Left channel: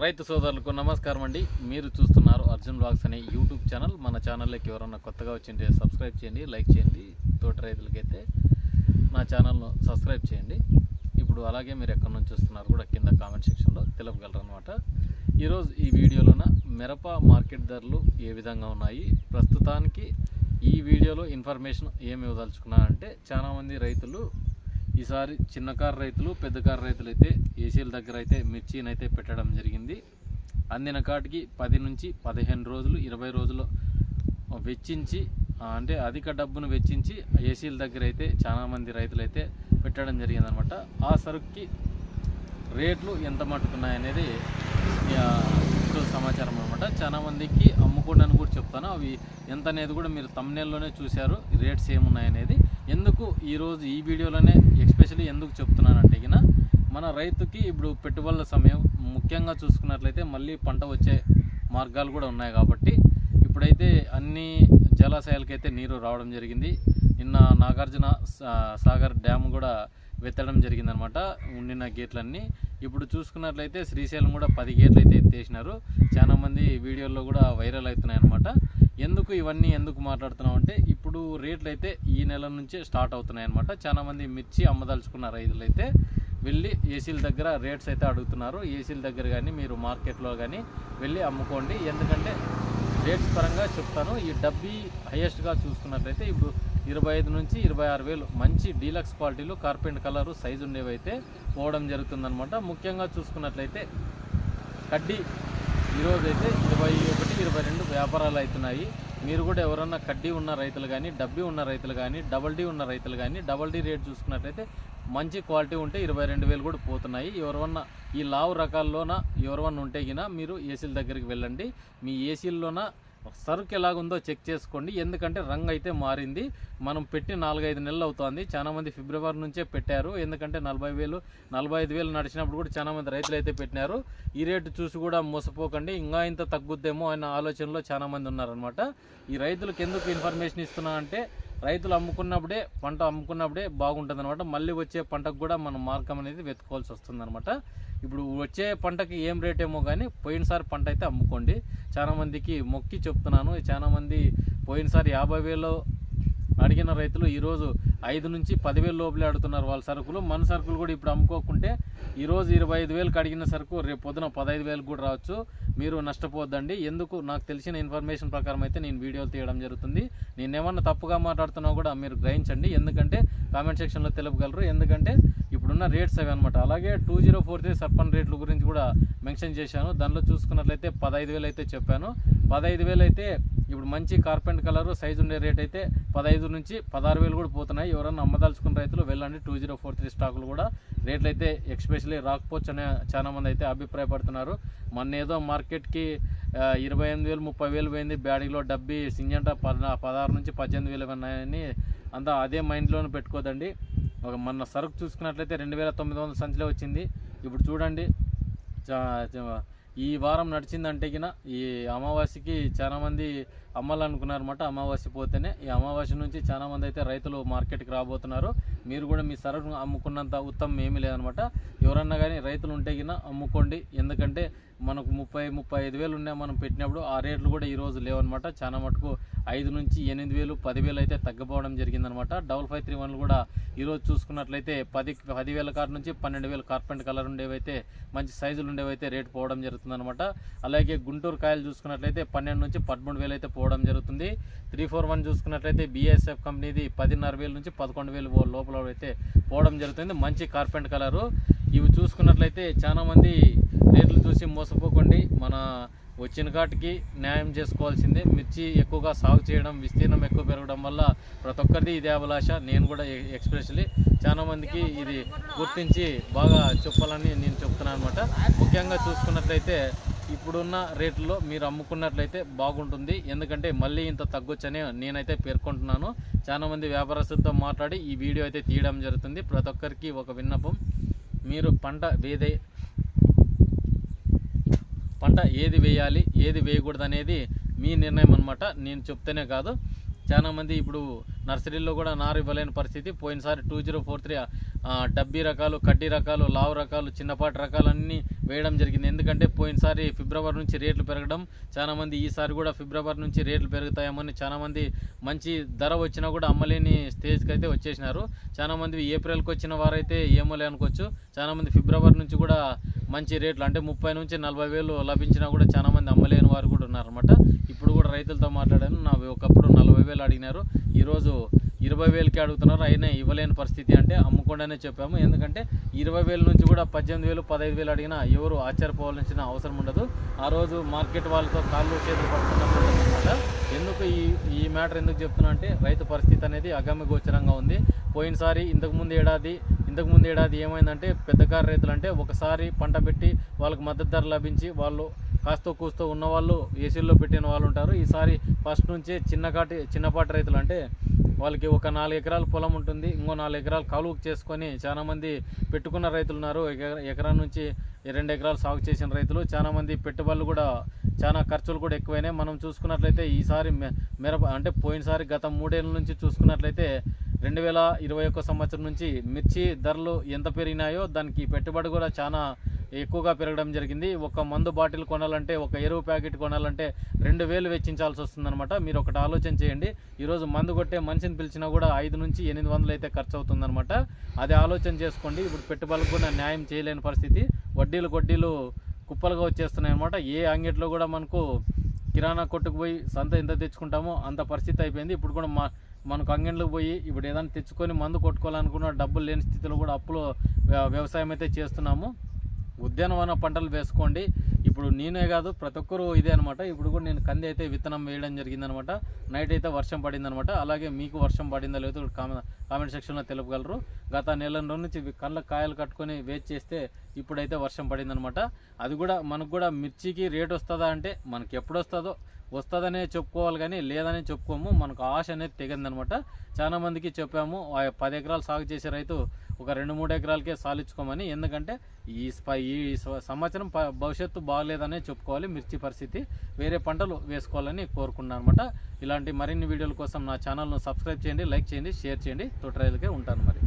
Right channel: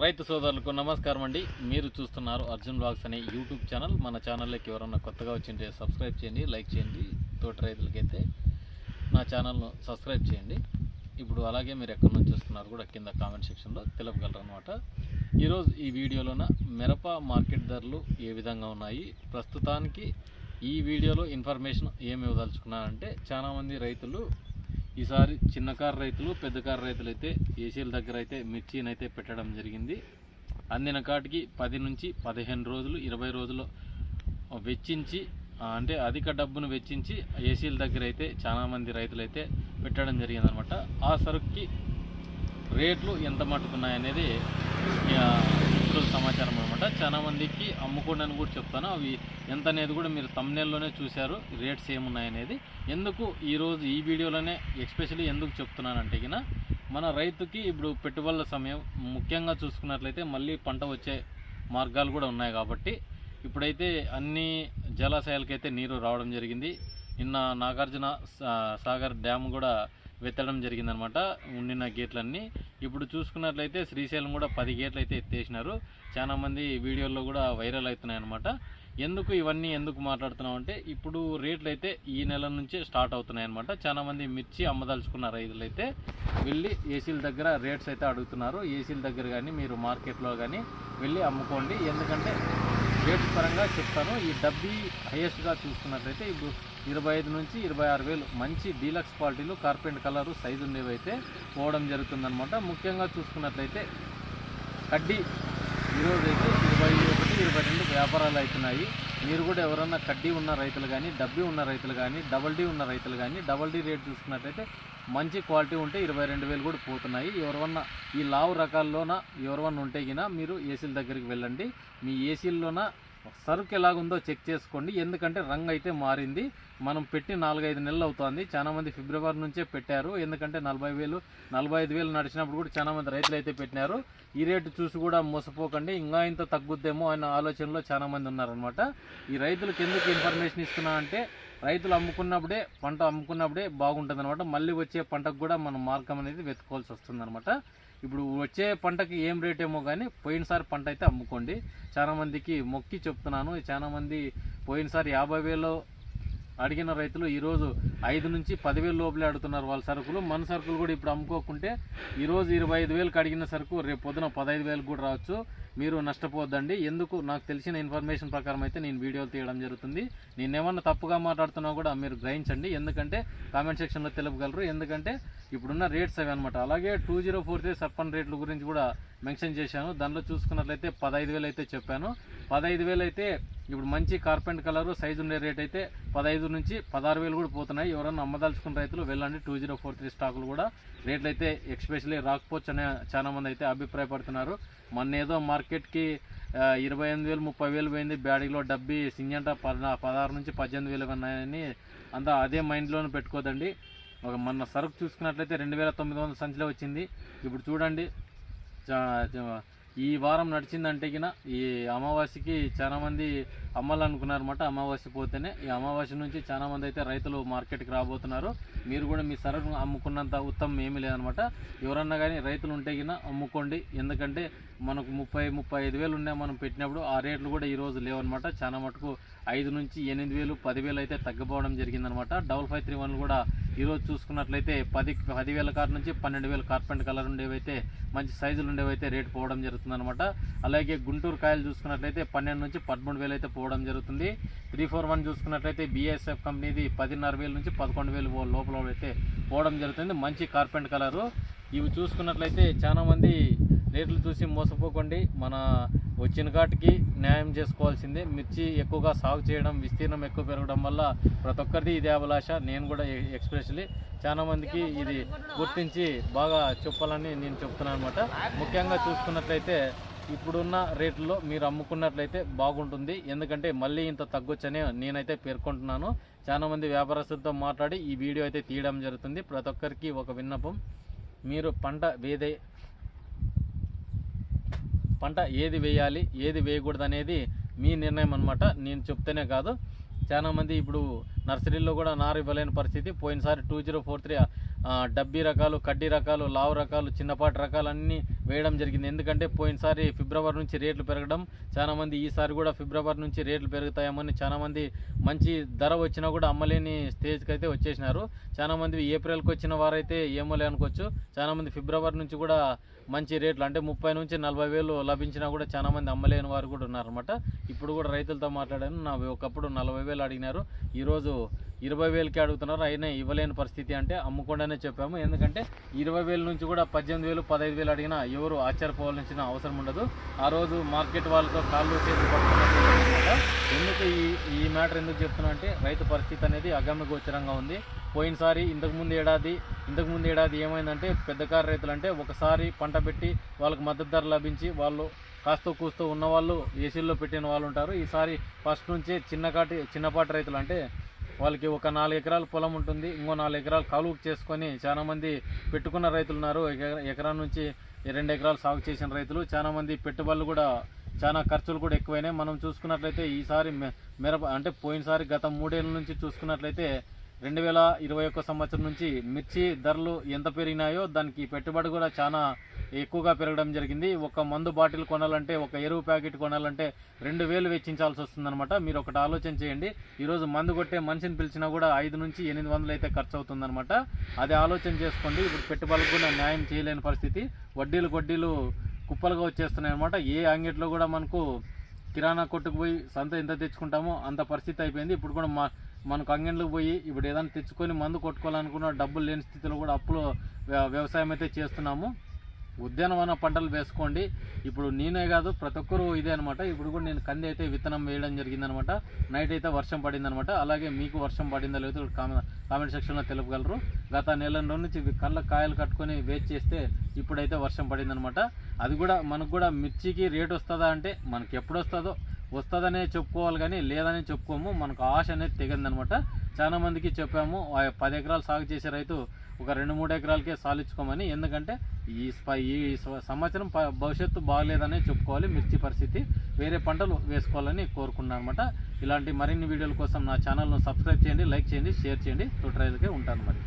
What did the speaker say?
రైతు సోదరులకు నమస్కారం అండి. మీరు చూస్తున్నారు అర్జున్ వ్లాగ్స్ అనే యూట్యూబ్ ఛానల్. మన ఛానల్లోకి ఎవరన్నా కొత్తగా వచ్చింటే సబ్స్క్రైబ్ చేయండి, లైక్ చేయండి. తోటి రైతులకైతే నా ఛానల్ను సబ్స్క్రైబ్ చేయండి. ఇప్పుడు అలాగే మీరు ఎక్కడి నుంచి చూస్తున్నారు కూడా కింద కామెంట్ సెక్షన్లో తెలుపగలరు అనమాట. ఈరోజు ఈ వీడియోలోన మిరప మార్కెట్ ధరలు ఏ విధంగా ఉన్నాయి, ప్రస్తుతానికి ఈ వీడియోలో ఇన్ఫర్మేషన్ ఏమి ఇవ్వదలుచుకున్నానంటే, చాలామంది రైతులు ఈసారి చిన్న కారు రైతులు, పెద్ద కారు రైతులు అయితే ఏసీల దగ్గర అయితే మిర్చిని అయితే పెట్టడం జరిగింది. అందిన కాటికి 10 నుంచి 15 రోజులు 20 రోజులు వెచ్చించి, అంటే అధిక డబ్బును వెచ్చించి ఏసీల దగ్గర అయితే చాలామంది రైతులు అయితే పెట్టడం జరిగిందనమాట. ఆ సరుకుకి రేట్లు ఎంత మట్టుకున్నాయనేది ఇప్పుడు సమాచారం అనమాట. చాలామందికి అమ్ముకోండి కూడా చెప్తాను. అవి ఎంత అనేది కూడా మీరు థంబ్నెయిల్లోనే చూశారు, రేట్స్ ఏమున్నాయనేది. ఎందుకు ఈరోజు ఈ వీడియోలోనే ఎస్పెషల్లీ ఎందుకు చెప్తున్నానంటే, మన రైతుకి ఇప్పుడు పెట్టుబడుల సమయం ముఖ్యంగా చూసుకున్నట్లయితే మళ్ళీ పంట వచ్చే మార్గాలు కూడా ఉన్నాయి కాబట్టి ఇప్పుడైతే అన్ని జలాశయాలకైతే నీరు రావడం జరిగింది. నిన్న నాగార్జున సాగర్ డ్యామ్ కూడా వెత్తడం జరిగిందనమాట, ఉండిన గేట్లన్నీ. ఇప్పుడు చూసుకున్నట్లయితే శ్రీశైలం కూడా 10 గేట్లు అయితే ఎత్తేసినారు. చాలామంది వీడియోల్లో కూడా వైరల్ అవుతున్నాయి అనమాట. ఇవన్నీ ఎందుకు మాట్లాడుతున్నాం అంటే, ఇప్పుడు రేట్లు అయితే ఈ నెల నుంచే స్టార్ట్ అవుతున్నాయి అనమాట. చాలామంది మిర్చి అమ్మదలుచుకున్న రైతులు అయితే వెళ్ళి ఏసీల దగ్గర రేట్స్ అయితే అడుగుతున్నారు. ఏసీల దగ్గర కానీ మీరు మార్కెట్లో కానీ వెళ్ళి అమ్ముకోండి. ఎందుకంటే రేట్స్ పరంగా చెప్తాను. ఈ డబ్బీ హైయెస్ట్గా చూసుకున్నట్లయితే ఇప్పుడు 25 నుంచి 26 వేలు మంచి డీలక్స్ క్వాలిటీలు కార్పెంట్ కలరు సైజు ఉండేవి అయితే పోవడం జరుగుతుందన్నమాట. ముఖ్యంగా చూసుకున్నట్లయితే కడ్డీ ఈరోజు అయితే 21, 22 వ్యాపారాలు అవుతున్నాయి. మీరు కూడా ఎవరన్నా కడ్డీ ఉన్న రైతులు కానీ, డబ్బీ ఉన్న రైతులు కానీ, డబల్ డీ ఉన్న రైతులు కానీ, డబల్ డీ రేట్ చూసుకున్నట్లయితే మంచి క్వాలిటీ ఉంటే 22 వేలు కూడా పోతున్నాయి. ఎవరన్నా ఈ లావు రకాల్లోన ఎవరన్నా ఉంటే మీరు ఏసీల దగ్గరికి వెళ్ళండి. మీ ఏసీల్లోన సరుకు ఎలాగుందో చెక్ చేసుకోండి. ఎందుకంటే రంగు అయితే మారింది. మనం పెట్టి 4-5 నెలలు అవుతుంది. చాలామంది ఫిబ్రవరి నుంచే పెట్టారు. ఎందుకంటే 40 వేలు 45 వేలు నడిచినప్పుడు కూడా చాలామంది రైతులు అయితే పెట్టినారు. ఈ రేటు చూసి కూడా మోసపోకండి, ఇంకా ఇంత తగ్గుద్దేమో అన్న ఆలోచనలో చాలామంది ఉన్నారనమాట. ఈ రైతులకు ఎందుకు ఇన్ఫర్మేషన్ ఇస్తున్నా అంటే, రైతులు అమ్ముకున్నప్పుడే పంట అమ్ముకున్నప్పుడే బాగుంటుంది అనమాట. మళ్ళీ వచ్చే పంటకు కూడా మనం మార్గం అనేది వెతుకోవాల్సి వస్తుంది అనమాట. ఇప్పుడు వచ్చే పంటకి ఏం రేట్ ఏమో కానీ పోయినసారి పంట అయితే అమ్ముకోండి. చాలామందికి మొక్కి చెప్తున్నాను. చాలామంది పోయినసారి 50 వేలు అడిగిన రైతులు ఈరోజు 5 నుంచి 10 వేలు లోపలే అడుగుతున్నారు వాళ్ళ సరుకులు. మన సరుకులు కూడా ఇప్పుడు అమ్ముకోకుంటే ఈరోజు 25 వేలకు అడిగిన సరుకు రేపు పొద్దున 15 వేలకు కూడా రావచ్చు. మీరు నష్టపోద్దండి. ఎందుకు నాకు తెలిసిన ఇన్ఫర్మేషన్ ప్రకారం అయితే నేను వీడియోలు తీయడం జరుగుతుంది. నేను ఏమన్నా తప్పుగా మాట్లాడుతున్నా కూడా మీరు గ్రహించండి. ఎందుకంటే కామెంట్ సెక్షన్లో తెలుపగలరు. ఎందుకంటే ఇప్పుడున్న రేట్స్ అవి అనమాట. అలాగే 2043 సర్పన్ రేట్ల గురించి కూడా మెన్షన్ చేశాను. దానిలో చూసుకున్నట్లయితే 15 వేలు అయితే చెప్పాను. 15 వేలు అయితే ఇప్పుడు మంచి కార్పెంట్ కలరు సైజు ఉండే రేట్ అయితే 15 నుంచి 16 వేలు కూడా పోతున్నాయి. ఎవరన్నా అమ్మదలుచుకున్న రైతులు వెళ్ళండి. 2043 స్టాకులు కూడా రేట్లు అయితే ఎక్స్పెషల్లీ రాకపోవచ్చు అనే చాలామంది అయితే అభిప్రాయపడుతున్నారు. మొన్న ఏదో మార్కెట్కి 28 వేలు 30 వేలు పోయింది, బ్యాడీలో డబ్బీ సింజంట 16 నుంచి 18 వేలు ఉన్నాయని అంతా అదే మైండ్లోనే పెట్టుకోదండి. మొన్న సరుకు చూసుకున్నట్లయితే 2900 సంచిలో వచ్చింది. ఇప్పుడు చూడండి, ఈ వారం నడిచిందంటే ఈ అమావాస్యకి చాలామంది అమ్మాలనుకున్నారన్నమాట. అమావాస్య పోతేనే ఈ అమావాస్య నుంచి చాలామంది అయితే రైతులు మార్కెట్కి రాబోతున్నారు. మీరు కూడా మీ సరుకు అమ్ముకున్నంత ఉత్తమం ఏమీ లేదనమాట. ఎవరన్నా కానీ రైతులు ఉంటే అమ్ముకోండి. ఎందుకంటే మనకు 30-35 వేలు ఉన్నాయి మనం పెట్టినప్పుడు. ఆ రేట్లు కూడా ఈరోజు లేవన్నమాట. చాలా మటుకు 5 నుంచి 8 వేలు 10 వేలు అయితే తగ్గిపోవడం జరిగిందనమాట. 5531 కూడా ఈరోజు చూసుకున్నట్లయితే 10 వేల కార్ నుంచి 12 వేలు కార్పెంట్ కలర్ ఉండేవైతే మంచి సైజులు ఉండేవైతే రేటు పోవడం జరుగుతుందనమాట. అలాగే గుంటూరు కాయలు చూసుకున్నట్లయితే 12 నుంచి 13 వేలు అయితే పోవడం జరుగుతుంది. 341 చూసుకున్నట్లయితే BASF కంపెనీది 10.5 వేల నుంచి 11 వేలు లోపల అయితే పోవడం జరుగుతుంది. మంచి కార్పెంట్ కలరు. ఇవి చూసుకున్నట్లయితే చాలామంది రేట్లు చూసి మోసపోకండి. మన వచ్చిన కాటికి న్యాయం చేసుకోవాల్సిందే. మిర్చి ఎక్కువగా సాగు చేయడం, విస్తీర్ణం ఎక్కువ పెరగడం వల్ల ప్రతి ఒక్కరిది ఇదే అభిలాష. నేను కూడా ఎక్స్పెషల్లీ చాలామందికి ఇది గుర్తించి బాగా చెప్పాలని నేను చెప్తున్నాను అనమాట. ముఖ్యంగా చూసుకున్నట్లయితే ఇప్పుడున్న రేట్లలో మీరు అమ్ముకున్నట్లయితే బాగుంటుంది. ఎందుకంటే మళ్ళీ ఇంత తగ్గొచ్చని నేనైతే పేర్కొంటున్నాను. చాలామంది వ్యాపారస్తులతో మాట్లాడి ఈ వీడియో అయితే తీయడం జరుగుతుంది. ప్రతి ఒక్కరికి ఒక విన్నపం, మీరు పంట ఏది వేయాలి ఏది వేయకూడదు అనేది మీ నిర్ణయం అనమాట. నేను చెప్తేనే కాదు, చాలామంది ఇప్పుడు నర్సరీలో కూడా నారు ఇవ్వలేని పరిస్థితి. పోయినసారి 2043 డబ్బీ రకాలు, కడ్డీ రకాలు, లావు రకాలు, చిన్నపాటి రకాలన్నీ వేయడం జరిగింది. ఎందుకంటే పోయినసారి ఫిబ్రవరి నుంచి రేట్లు పెరగడం, చాలామంది ఈసారి కూడా ఫిబ్రవరి నుంచి రేట్లు పెరుగుతాయేమని చాలామంది మంచి ధర వచ్చినా కూడా అమ్మలేని స్టేజ్కి అయితే వచ్చేసినారు. చాలామంది ఏప్రిల్కి వచ్చిన వారైతే ఏమోలే అనుకోవచ్చు. చాలామంది ఫిబ్రవరి నుంచి కూడా మంచి రేట్లు అంటే 30 నుంచి 40 వేలు లభించినా కూడా చాలామంది అమ్మలేని వారు కూడా ఉన్నారన్నమాట. ఇప్పుడు కూడా రైతులతో మాట్లాడాను. ఒకప్పుడు 40 వేలు అడిగినారు, ఈరోజు 20 వేలకి అడుగుతున్నారు. అయినా ఇవ్వలేని పరిస్థితి అంటే అమ్ముకుండానే చెప్పాము. ఎందుకంటే 20 వేల నుంచి కూడా 18 వేలు 15 వేలు అడిగినా ఎవరు ఆశ్చర్యపోవాల్సిన అవసరం ఉండదు. ఆ రోజు మార్కెట్ వాళ్ళతో కాళ్ళు చేతులు పట్టుకున్నట్టు అనమాట. ఎందుకు ఈ మ్యాటర్ ఎందుకు చెప్తున్నా అంటే రైతు పరిస్థితి అనేది అగమ్యగోచరంగా ఉంది. పోయినసారి ఇంతకుముందు ఏడాది ఏమైందంటే పెద్ద కారు రైతులు అంటే ఒకసారి పంట పెట్టి వాళ్ళకి మద్దతు ధర లభించి వాళ్ళు కాస్తో కూస్తూ ఉన్నవాళ్ళు ఏసీల్లో పెట్టిన వాళ్ళు ఉంటారు. ఈసారి ఫస్ట్ నుంచే చిన్నపాటి రైతులు అంటే వాళ్ళకి ఒక 4 ఎకరాల పొలం ఉంటుంది, ఇంకో 4 ఎకరాలు కాలువకు చేసుకొని చాలామంది పెట్టుకున్న రైతులు ఉన్నారు. ఎకరా నుంచి 2 ఎకరాలు సాగు చేసిన రైతులు చాలామంది పెట్టుబడులు కూడా చాలా ఖర్చులు కూడా ఎక్కువైనాయి. మనం చూసుకున్నట్లయితే ఈసారి మిరప అంటే పోయినసారి గత 3 ఏళ్ళ నుంచి చూసుకున్నట్లయితే 2021 సంవత్సరం నుంచి మిర్చి ధరలు ఎంత పెరిగినాయో దానికి పెట్టుబడి కూడా చాలా ఎక్కువగా పెరగడం జరిగింది. ఒక మందు బాటిల్ కొనాలంటే, ఒక ఎరువు ప్యాకెట్ కొనాలంటే 2000 వెచ్చించాల్సి వస్తుందన్నమాట. మీరు ఒకటి ఆలోచన చేయండి, ఈరోజు మందు కొట్టే మనిషిని పిలిచినా కూడా 5 నుంచి 800 అయితే ఖర్చు అవుతుందన్నమాట. అది ఆలోచన చేసుకోండి. ఇప్పుడు పెట్టుబడులకు కూడా న్యాయం చేయలేని పరిస్థితి, వడ్డీలు కుప్పలుగా వచ్చేస్తున్నాయి అన్నమాట. ఏ అంగట్లో కూడా మనకు కిరాణా కొట్టుకు పోయి సంత ఎంత తెచ్చుకుంటామో అంత పరిస్థితి అయిపోయింది. ఇప్పుడు కూడా మనకు అంగన్లకు పోయి ఇప్పుడు ఏదైనా తెచ్చుకొని మందు కొట్టుకోవాలనుకున్న డబ్బులు లేని స్థితిలో కూడా అప్పులో వ్యవసాయం అయితే చేస్తున్నాము. ఉద్యానవన పంటలు వేసుకోండి. ఇప్పుడు నేనే కాదు ప్రతి ఒక్కరూ ఇదే అనమాట. ఇప్పుడు కూడా నేను కంది అయితే విత్తనం వేయడం జరిగిందనమాట. నైట్ అయితే వర్షం పడిందనమాట. అలాగే మీకు వర్షం పడిందా లేదో కామెంట్ సెక్షన్లో తెలుపగలరు. గత నెల నుంచి కళ్ళ కాయలు కట్టుకొని వెయిట్ చేస్తే ఇప్పుడైతే వర్షం పడిందనమాట. అది కూడా మనకు కూడా మిర్చికి రేట్ వస్తుందా అంటే మనకి ఎప్పుడు వస్తుందనే చెప్పుకోవాలి కానీ లేదనే చెప్పుకోము. మనకు ఆశ అనేది తెగిందనమాట. చాలా మందికి చెప్పాము 10 ఎకరాలు సాగు చేసే రైతు ఒక 2-3 ఎకరాలకే సాలించుకోమని. ఎందుకంటే ఈ సంవత్సరం భవిష్యత్తు బాగలేదనే చెప్పుకోవాలి. మిర్చి పరిస్థితి వేరే పంటలు వేసుకోవాలని కోరుకున్నాను అనమాట. ఇలాంటి మరిన్ని వీడియోల కోసం నా ఛానల్ను సబ్స్క్రైబ్ చేయండి, లైక్ చేయండి, షేర్ చేయండి. తోట రైతులకే ఉంటాను మరి.